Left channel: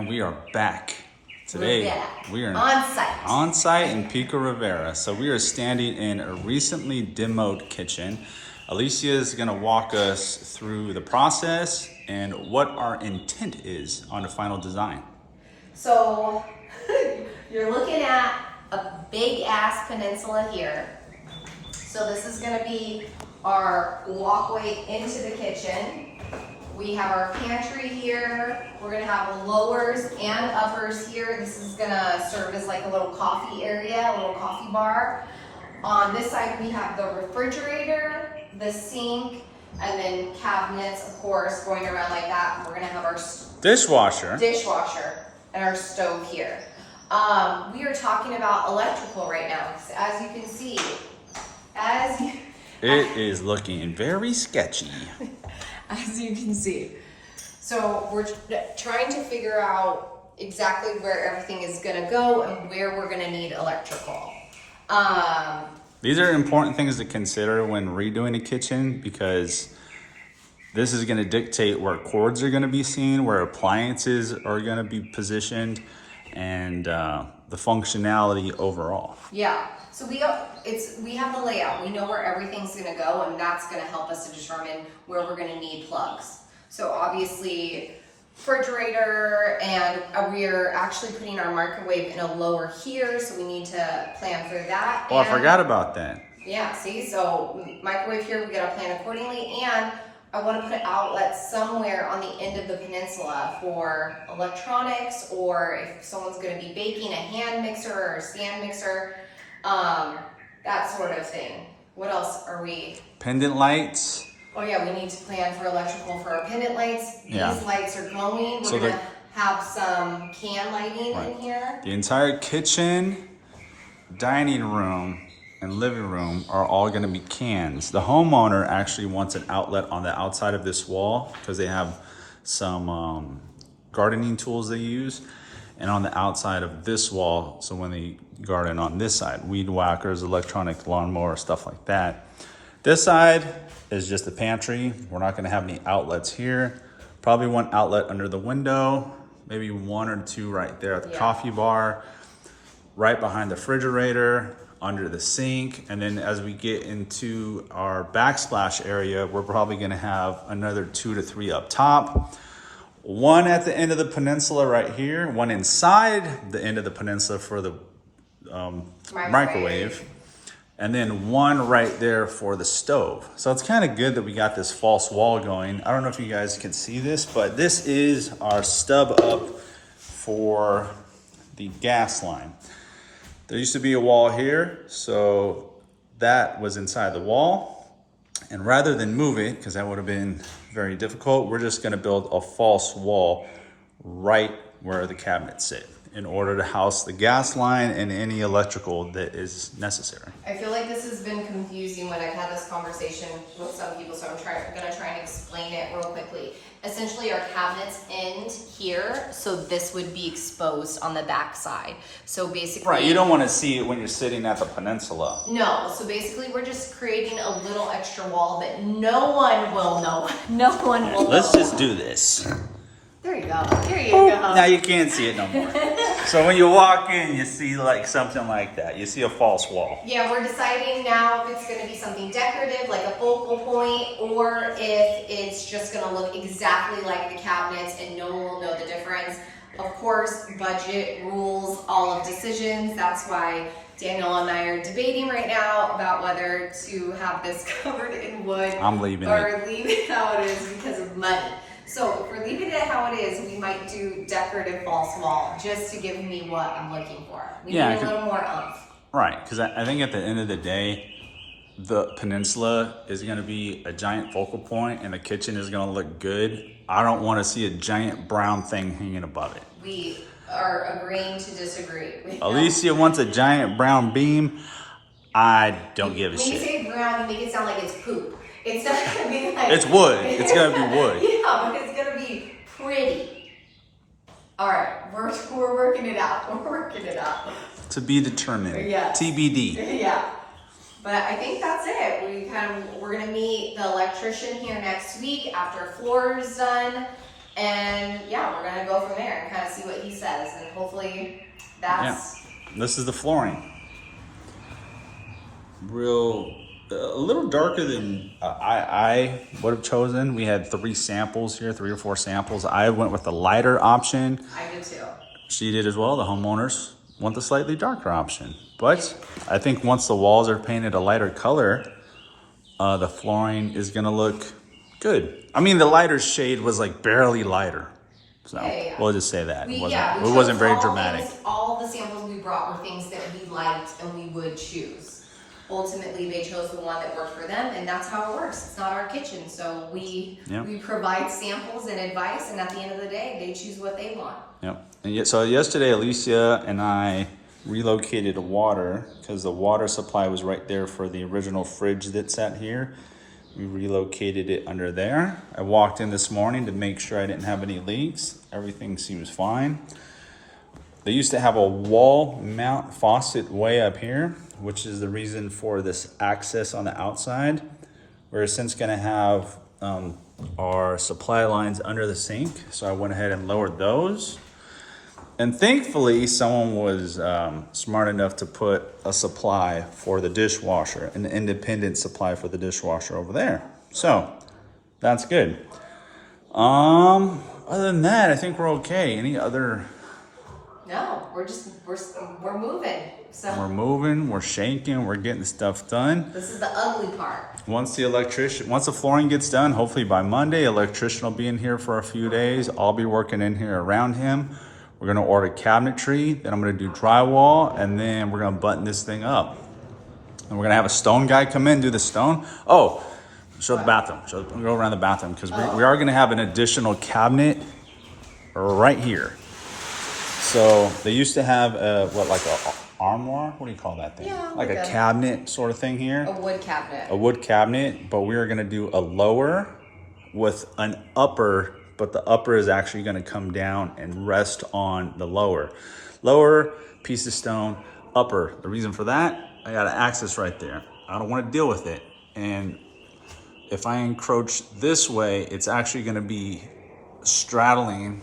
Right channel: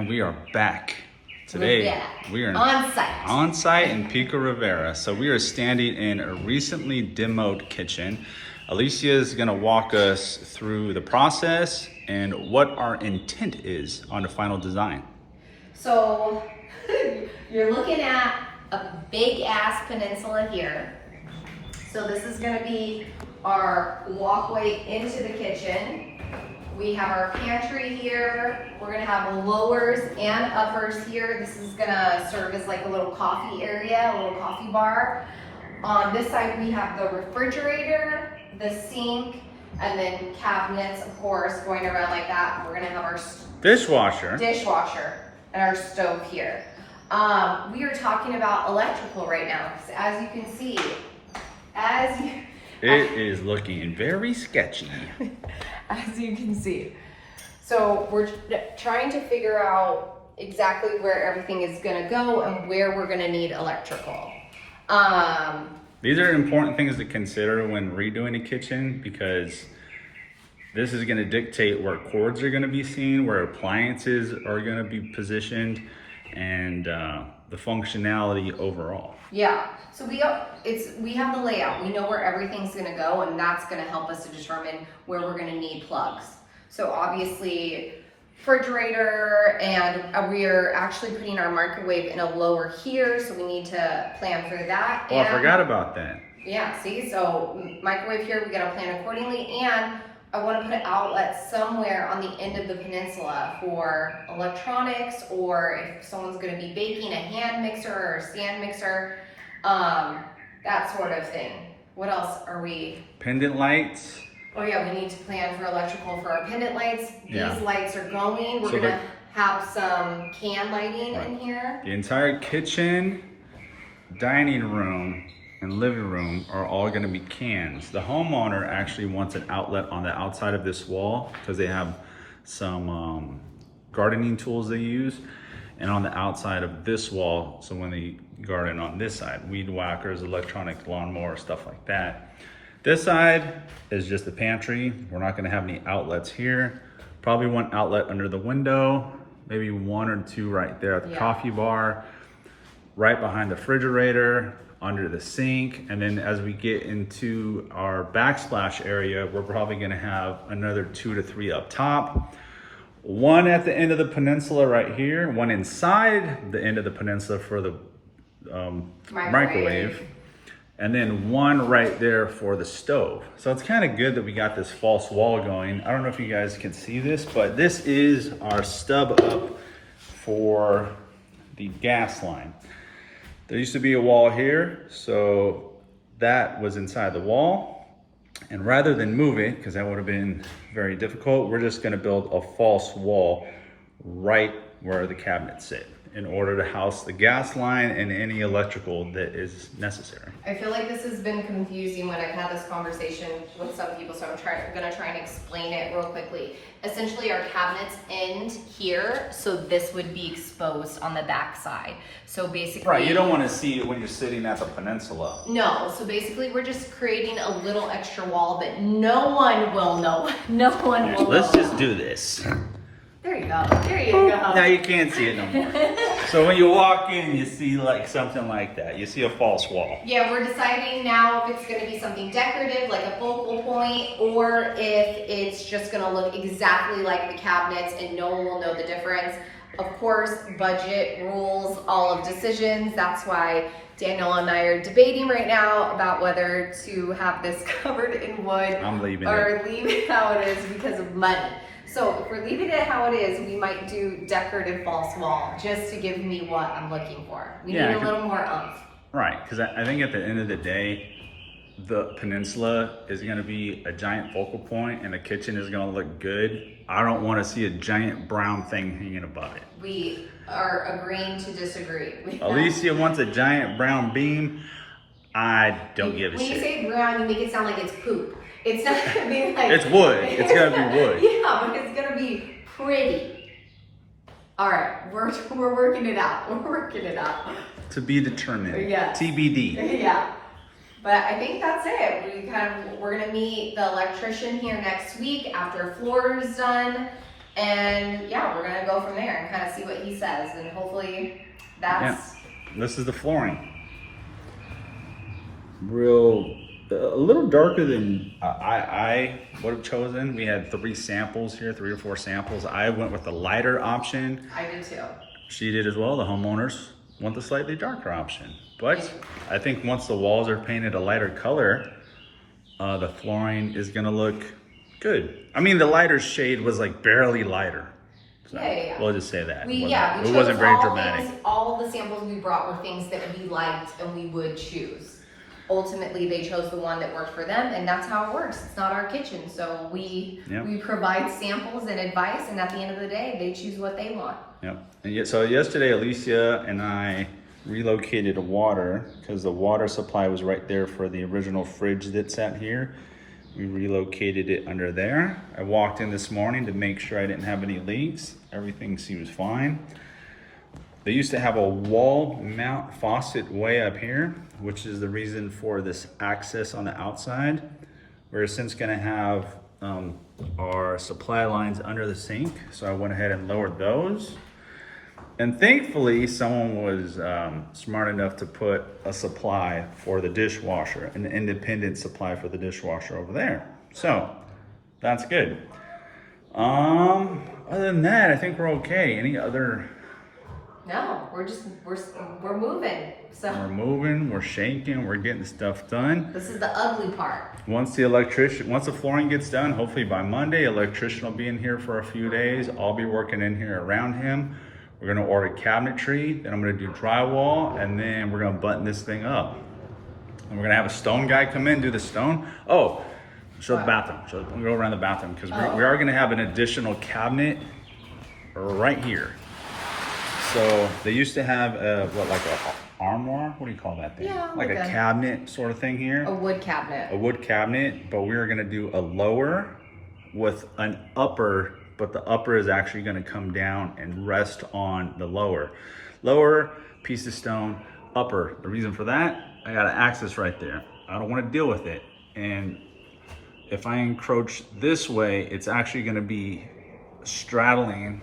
And we are back. Today, we are on site in Pico Rivera. So we are standing in a recently demoed kitchen. Alicia is gonna walk us through the process and what our intent is on the final design. So you're looking at a big ass peninsula here. So this is gonna be our walkway into the kitchen. We have our pantry here. We're gonna have lowers and uppers here. This is gonna serve as like a little coffee area, a little coffee bar. On this side, we have the refrigerator, the sink, and then cabinets, of course, going around like that. We're gonna have our Dishwasher and our stove here. We are talking about electrical right now, because as you can see, it is looking very sketchy. As you can see. So we're trying to figure out exactly where everything is gonna go and where we're gonna need electrical. These are important things to consider when redoing a kitchen, because this is gonna dictate where cords are gonna be seen, where appliances are gonna be positioned, and the functionality overall. Yeah, so we have the layout. We know where everything's gonna go, and that's gonna help us to determine where we're gonna need plugs. So obviously, refrigerator, and we're actually putting our microwave in a lower here, so we need to plan for that. Oh, I forgot about that. Yeah, see, so microwave here, we gotta plan accordingly, and I wanna put an outlet somewhere on the end of the peninsula for electronics, or if someone's gonna be baking, a hand mixer or a stand mixer, that sort of thing. What else are we? Pendant lights. Oh yeah, we need to plan for electrical for our pendant lights. These lights are going. We're gonna have some can lighting in here. The entire kitchen, dining room, and living room are all gonna be cans. The homeowner actually wants an outlet on the outside of this wall because they have some gardening tools they use, and on the outside of this wall, so when they garden on this side, weed whackers, electronic lawnmower, stuff like that. This side is just a pantry. We're not gonna have any outlets here. Probably one outlet under the window, maybe one or two right there at the coffee bar, right behind the refrigerator, under the sink. And then as we get into our backsplash area, we're probably gonna have another 2 to 3 up top. One at the end of the peninsula right here, one inside the end of the peninsula for the microwave, and then one right there for the stove. So it's kind of good that we got this false wall going. I don't know if you guys can see this, but this is our stub up for the gas line. There used to be a wall here, so that was inside the wall. And rather than move it, because that would have been very difficult, we're just gonna build a false wall right where the cabinets sit in order to house the gas line and any electrical that is necessary. I feel like this has been confusing when I've had this conversation with some people, so I'm gonna try and explain it real quickly. Essentially, our cabinets end here, so this would be exposed on the back side. So basically— Right, you don't want to see it when you're sitting at the peninsula. No, so basically we're just creating a little extra wall that no one will know. No one will know. Let's just do this. There you go, there you go. Now you can't see it no more. So when you walk in, you see like something like that. You see a false wall. Yeah, we're deciding now if it's gonna be something decorative, like a focal point, or if it's just gonna look exactly like the cabinets and no one will know the difference. Of course, budget rules all of decisions. That's why Daniel and I are debating right now about whether to have this covered in wood or leave it how it is because of money. So if we're leaving it how it is, we might do decorative false wall just to give me what I'm looking for. We need a little more oomph. Right, because I think at the end of the day, the peninsula is gonna be a giant focal point and the kitchen is gonna look good. I don't wanna see a giant brown thing hanging above it. We are agreeing to disagree. Alicia wants a giant brown beam. I don't give a shit. When you say brown, you make it sound like it's poop. It's not gonna be like— It's wood. It's gonna be wood. Yeah, but it's gonna be pretty. All right, we're working it out. We're working it out. To be determined. Yeah. TBD. Yeah. But I think that's it. We're gonna meet the electrician here next week after floor is done, And yeah, we're gonna go from there and kind of see what he says, and hopefully that's. Yeah. This is the flooring. Real, a little darker than I would have chosen. We had 3 samples here, 3 or 4 samples. I went with the lighter option. I did too. She did as well. The homeowners want the slightly darker option. But I think once the walls are painted a lighter color, the flooring is gonna look good. I mean, the lighter shade was like barely lighter. So we'll just say that. It wasn't very dramatic. All the samples we brought were things that we liked and we would choose. Ultimately, they chose the one that worked for them, and that's how it works. It's not our kitchen, so we provide samples and advice, and at the end of the day, they choose what they want. Yep. And so yesterday, Alicia and I relocated water because the water supply was right there for the original fridge that sat here. We relocated it under there. I walked in this morning to make sure I didn't have any leaks. Everything seems fine. They used to have a wall mount faucet way up here, which is the reason for this access on the outside. We're since gonna have our supply lines under the sink. So I went ahead and lowered those. And thankfully, someone was smart enough to put a supply for the dishwasher, an independent supply for the dishwasher over there. So that's good. Other than that, I think we're okay. Any other? No, we're moving. So We're moving, we're shaking, we're getting stuff done. this is the ugly part. Once the flooring gets done, hopefully by Monday, electrician will be in here for a few days. I'll be working in here around him. We're gonna order cabinetry, then I'm gonna do drywall, and then we're gonna button this thing up. And we're gonna have a stone guy come in, do the stone. Oh, show the bathroom. We'll go around the bathroom, because we are gonna have an additional cabinet right here. So they used to have like a armoire? What do you call that thing? Yeah, like a cabinet sort of thing here. A wood cabinet. A wood cabinet, but we are gonna do a lower with an upper, but the upper is actually gonna come down and rest on the lower. Lower, piece of stone, upper. The reason for that, I got an access right there. I don't wanna deal with it. And if I encroach this way, it's actually gonna be straddling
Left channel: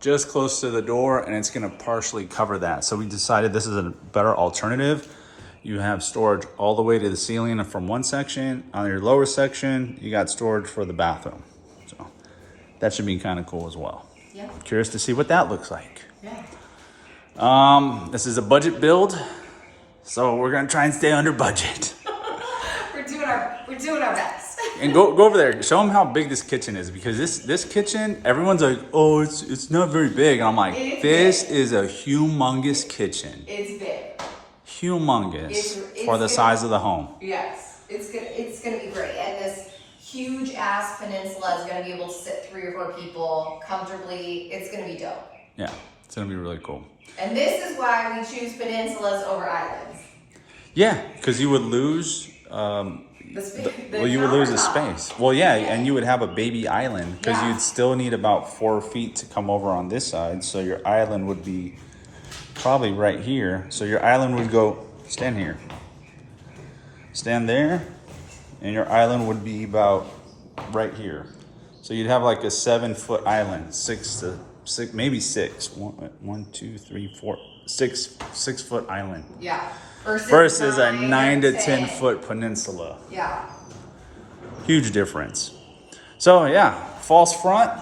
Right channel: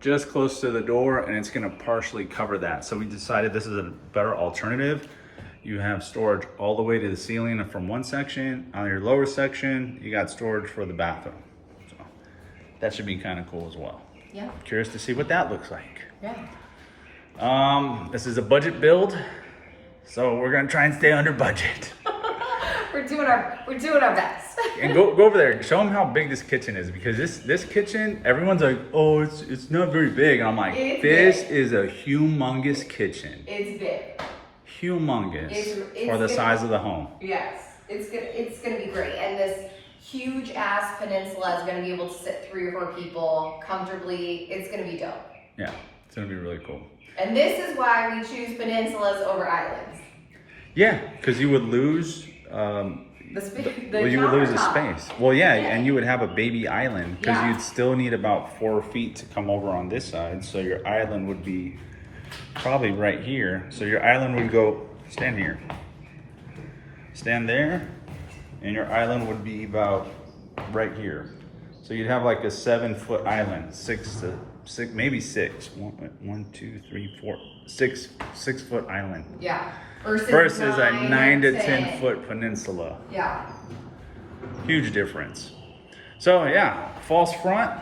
just close to the door, and it's gonna partially cover that. So we decided this is a better alternative. You have storage all the way to the ceiling from one section. On your lower section, you got storage for the bathroom. So that should be kind of cool as well. Yeah. Curious to see what that looks like. Yeah. This is a budget build, so we're gonna try and stay under budget. We're doing our best. And go over there, show them how big this kitchen is, because this kitchen, everyone's like, oh, it's not very big. And I'm like, this is a humongous kitchen. It's big. Humongous It's for the size of the home. Yes, it's gonna be great, and this huge ass peninsula is gonna be able to sit 3 or 4 people comfortably. It's gonna be dope. Yeah, it's gonna be really cool. And this is why we choose peninsulas over islands. Yeah, because you would lose. You would lose the space. Well, yeah, and you would have a baby island, because you'd still need about 4 feet to come over on this side. So your island would be probably right here. So your island would go, stand here, stand there, and your island would be about right here. So you'd have like a 7-foot island, 6 to 6, maybe 6. 1, 2, 3, 4, 6 foot island. Yeah. Versus a 9 to 10 foot peninsula. Yeah. Huge difference. So yeah, false front.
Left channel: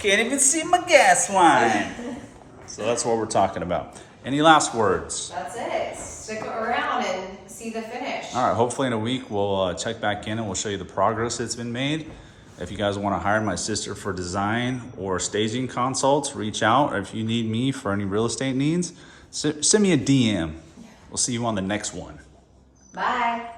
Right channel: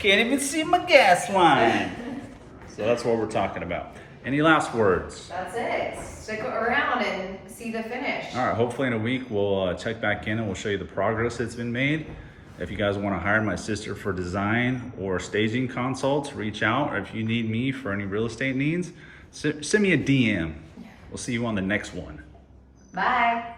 Can't even see my gas line. So that's what we're talking about. Any last words? That's it. Stick around and see the finish. All right, hopefully in a week we'll check back in and we'll show you the progress that's been made. If you guys want to hire my sister for design or staging consults, reach out. Or if you need me for any real estate needs, send me a DM. We'll see you on the next one. Bye.